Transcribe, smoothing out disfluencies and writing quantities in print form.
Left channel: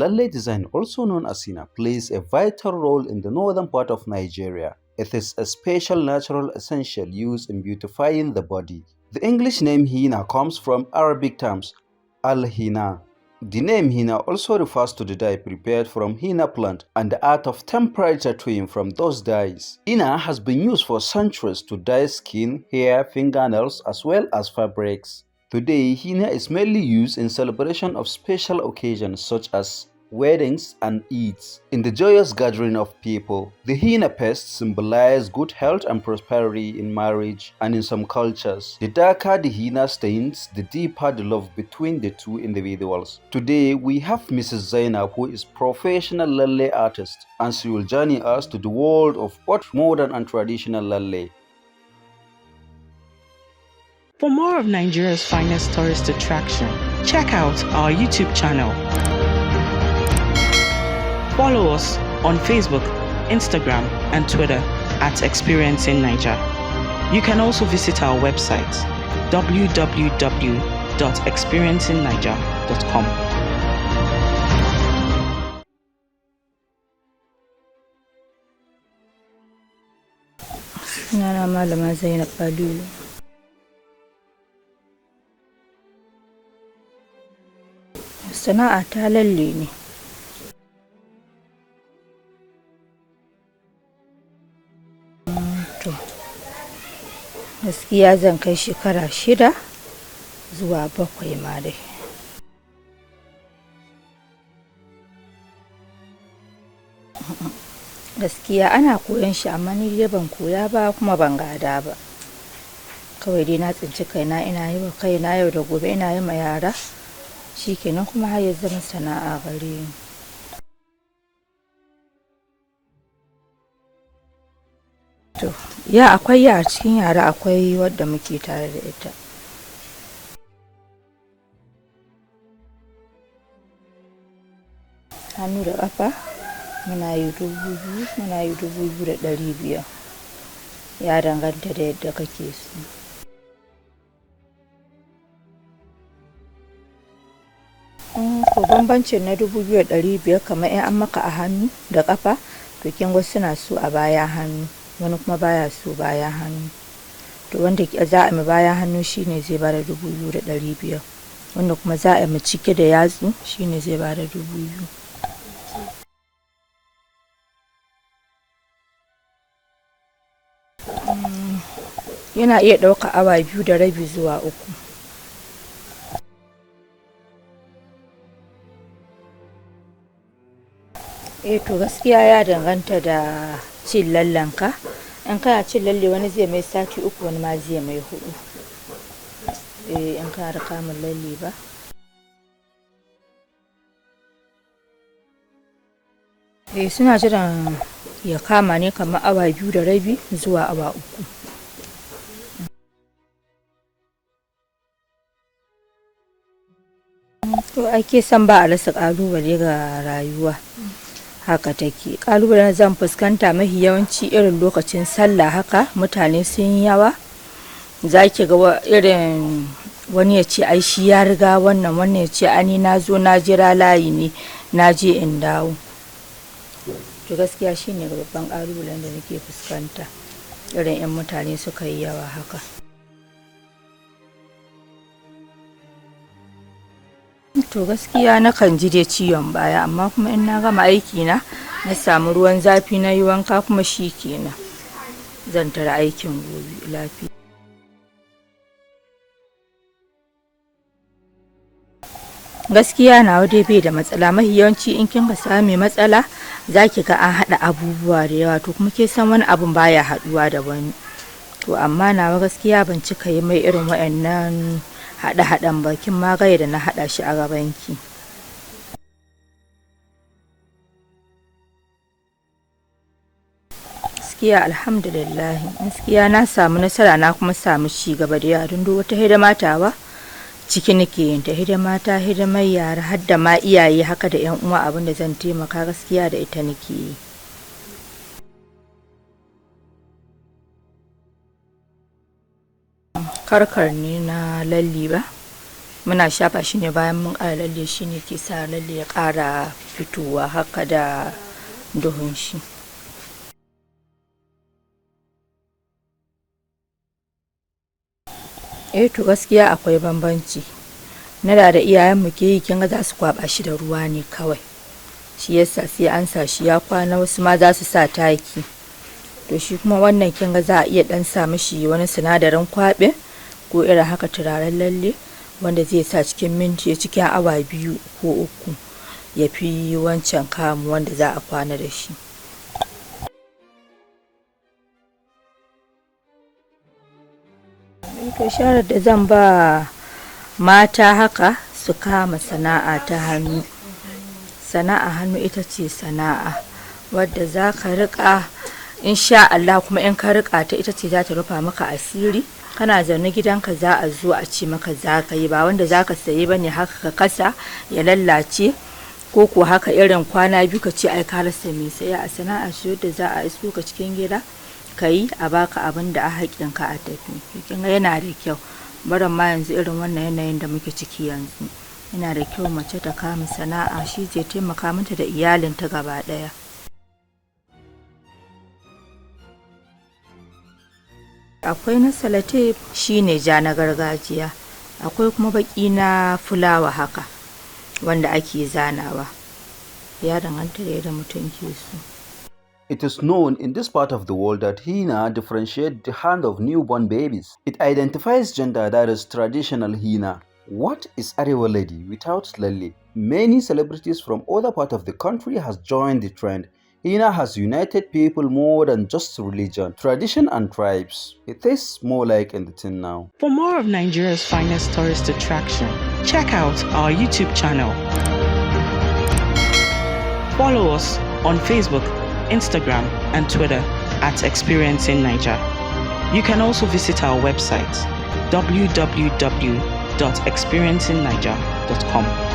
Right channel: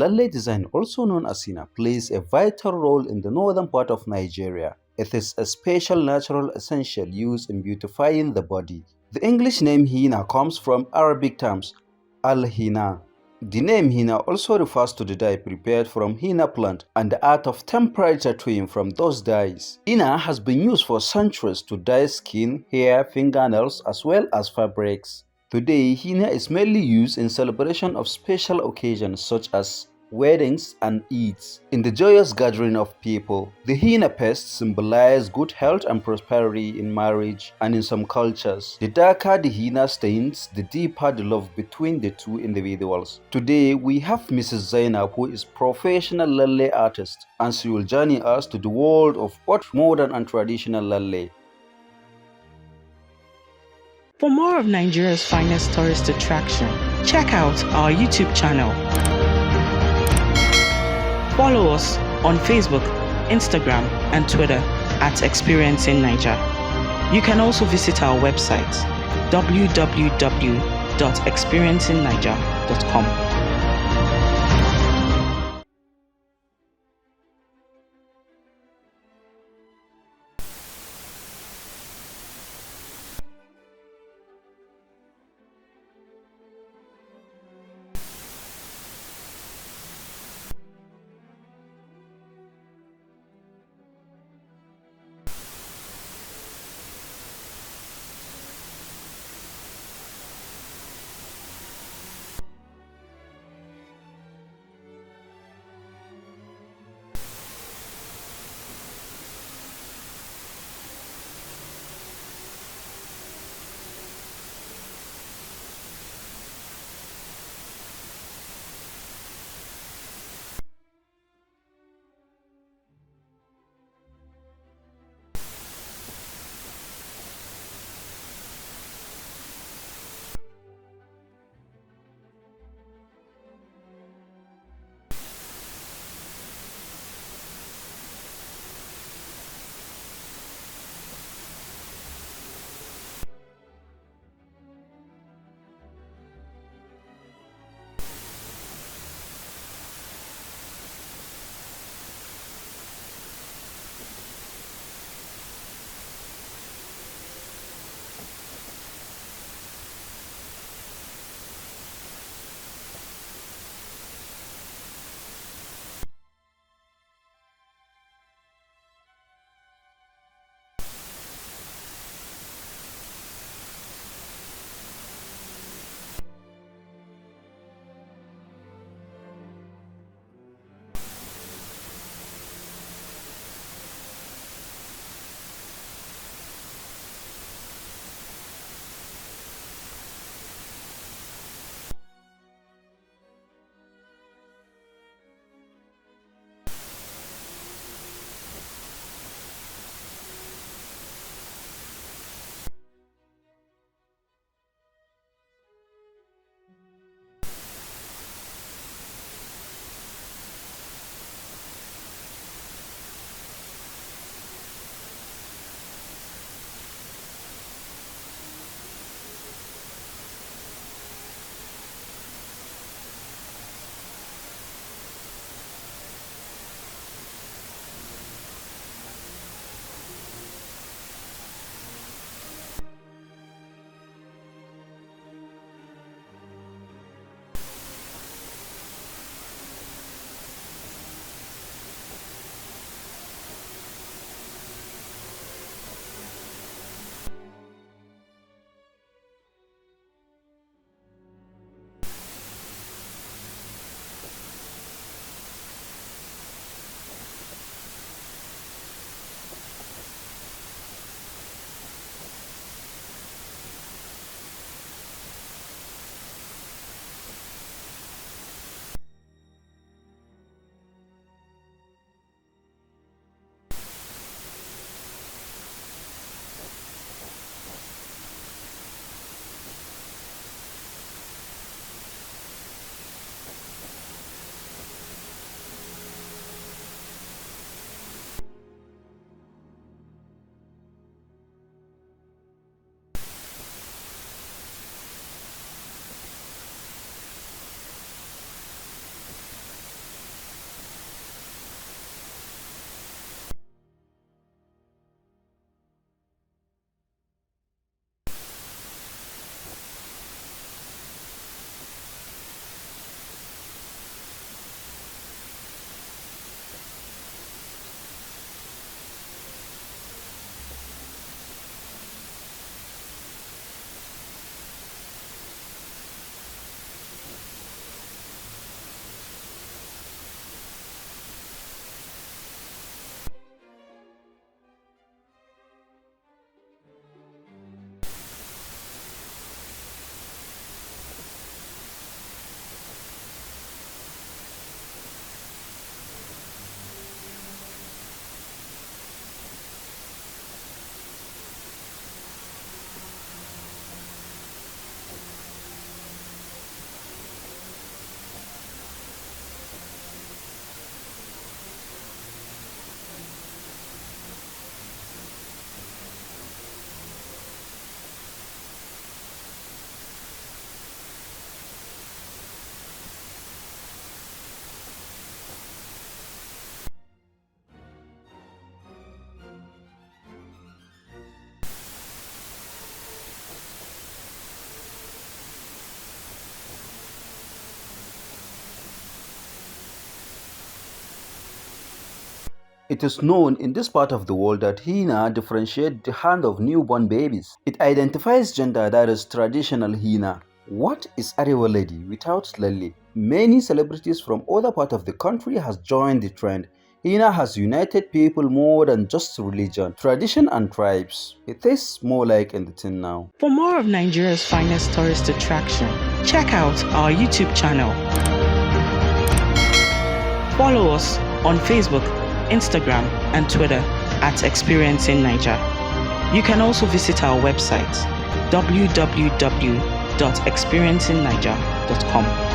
Lalle design, also known as henna, plays a vital role in the northern part of Nigeria. It is a special natural essential used in beautifying the body. The English name henna comes from Arabic terms al-henna. The name henna also refers to the dye prepared from henna plant and the art of temperature tattooing from those dyes. Henna has been used for centuries to dye skin, hair, fingernails, as well as fabrics. Today, henna is mainly used in celebration of special occasions such as weddings and Eids. In the joyous gathering of people, the henna paste symbolizes good health and prosperity in marriage, and in some cultures, the darker the henna stains, the deeper the love between the two individuals. Today, we have Mrs. Zainab, who is professional lalle artist, and she will journey us to the world of both modern and traditional lalle. For more of Nigeria's finest tourist attraction, check out our YouTube channel. Follow us on Facebook, Instagram, and Twitter at Experiencing Naija. You can also visit our website www.experiencingnaija.com. Sunana Malama Zainab Aliyu. Sana'a ta lalle ne. To, gaskiya zan kai shekara 6 zuwa 7 ma dai. Gaskiya ana koyon shi amma ni dai ban koya ba kuma ban gada ba. Kawai dai na tsinci kaina ina yi wa kaina yau da gobe ina yi ma yara. Shikenan kuma har ya zama sana'a gare ni. To, ya akwai a cikin yara akwai wadda muke tare da ita. Hannu da ƙafa muna yi 2000, muna yi 2500. Ya danganta da yadda kake so. Ko bambancin na 2500 kamar in an maka a hannu da ƙafa, to kin ga suna so a baya hannu, wani kuma baya so baya hannu. To wanda za a mi baya hannu shine zai bada 2500, wanda kuma za a mi cike da yatsu shine zai bada 2000. Yana iya ɗauka awa 2.5 zuwa 3. To gaskiya ya danganta da cin lallenka. In kana cin lalle wani zai mai sati 3, wani ma zai mai 4. In kana da kamun lalle ba. Suna jiran ya kama ne kamar awa 2.5 zuwa awa 3. To ake san ba a rasa ƙalubale ga rayuwa. Haka take. Ƙalubalen zan fuskanta mafi yawanci irin lokacin sallah haka mutane sun yi yawa. Za ki ga irin wani ya ce ai shi ya riga wannan, wannan ya ce ani na zo na jira layi ne na je in dawo. To gaskiya shine babban ƙalubalen da nake fuskanta irin 'yan mutane suka yi yawa haka. To gaskiya nakan ji dai ciwon baya, amma kuma in na gama aiki na samu ruwan zafi na yi wanka kuma shi kenan zan tara aikin gobe lafiya. Gaskiya nawa dai bai da matsala. Mafi yawanci in kin ga sami matsala za ki ga an haɗa abubuwa da yawa, to kuma ke san wani abun baya haɗuwa da wani. To amma nawa gaskiya ban cika yi mai irin waɗannan haɗe-haɗen ba, kin ma ga yadda na haɗa shi a gabanki. Gaskiya alhamdulillah, gaskiya na samu nasara na kuma samu ci gaba da yawa. Don wata hidima tawa ciki nake yin ta, hidimar yara har da ma iyaye haka da 'yan uwa, abin da zan taimaka gaskiya da ita nake yi. Karkar ne na lalli ba, muna shafa shi ne bayan mun ƙara lalle, shi ne ke sa lalle ya ƙara fitowa haka da duhun shi. To gaskiya akwai bambanci. Na da iyayenmu ke yi kin ga za su kwaɓa shi da ruwa ne kawai, shi yasa sai an sa shi ya kwana, wasu ma za su sa taki. To shi kuma wannan kin ga za a iya ɗan sa mishi wani sinadarin kwaɓe ko irin haka turaren lalle wanda zai sa cikin awa 2 ko 3 ya fi wancan kamu wanda za a kwana da shi. To shawarar da zan ba mata haka su kama sana'a ta hannu. Sana'a hannu ita ce sana'a wadda za ka riƙa, insha Allah, kuma in ka riƙa ta ita ce za ta rufa maka asiri. Kana zaune gidanka za a zo a ce maka za ka yi, ba wanda za ka sayi ba ne haka ka kasa ya lallace, ko ko haka irin kwana 2 ka ce ai ka rasa mai saya. A sana'a ce wadda za a iso ka cikin gida ka yi a baka abin da a haƙƙinka a tafi. Kin ga yana da kyau, barin ma yanzu irin wannan yanayin da muke ciki yanzu, yana da kyau mace ta kama sana'a, shi zai taimaka mata da iyalinta gaba ɗaya. Akwai na salatif, shi ne ja na gargajiya, akwai kuma baƙi na fulawa haka wanda ake zanawa, ya danganta da yadda mutum ke so. It is known in this part of the world that henna differentiates the hand of newborn babies. It identifies gender, that is traditional henna. What is Arewa Lady without lalle? Many celebrities from other parts of the country has joined the trend. Henna has united people more than just religion, tradition and tribes. It is more like anything now. For more of Nigeria's finest tourist attraction, check out our YouTube channel. Follow us on Facebook, Instagram and Twitter at Experiencing Naija. You can also visit our website www.experiencingnaija.com.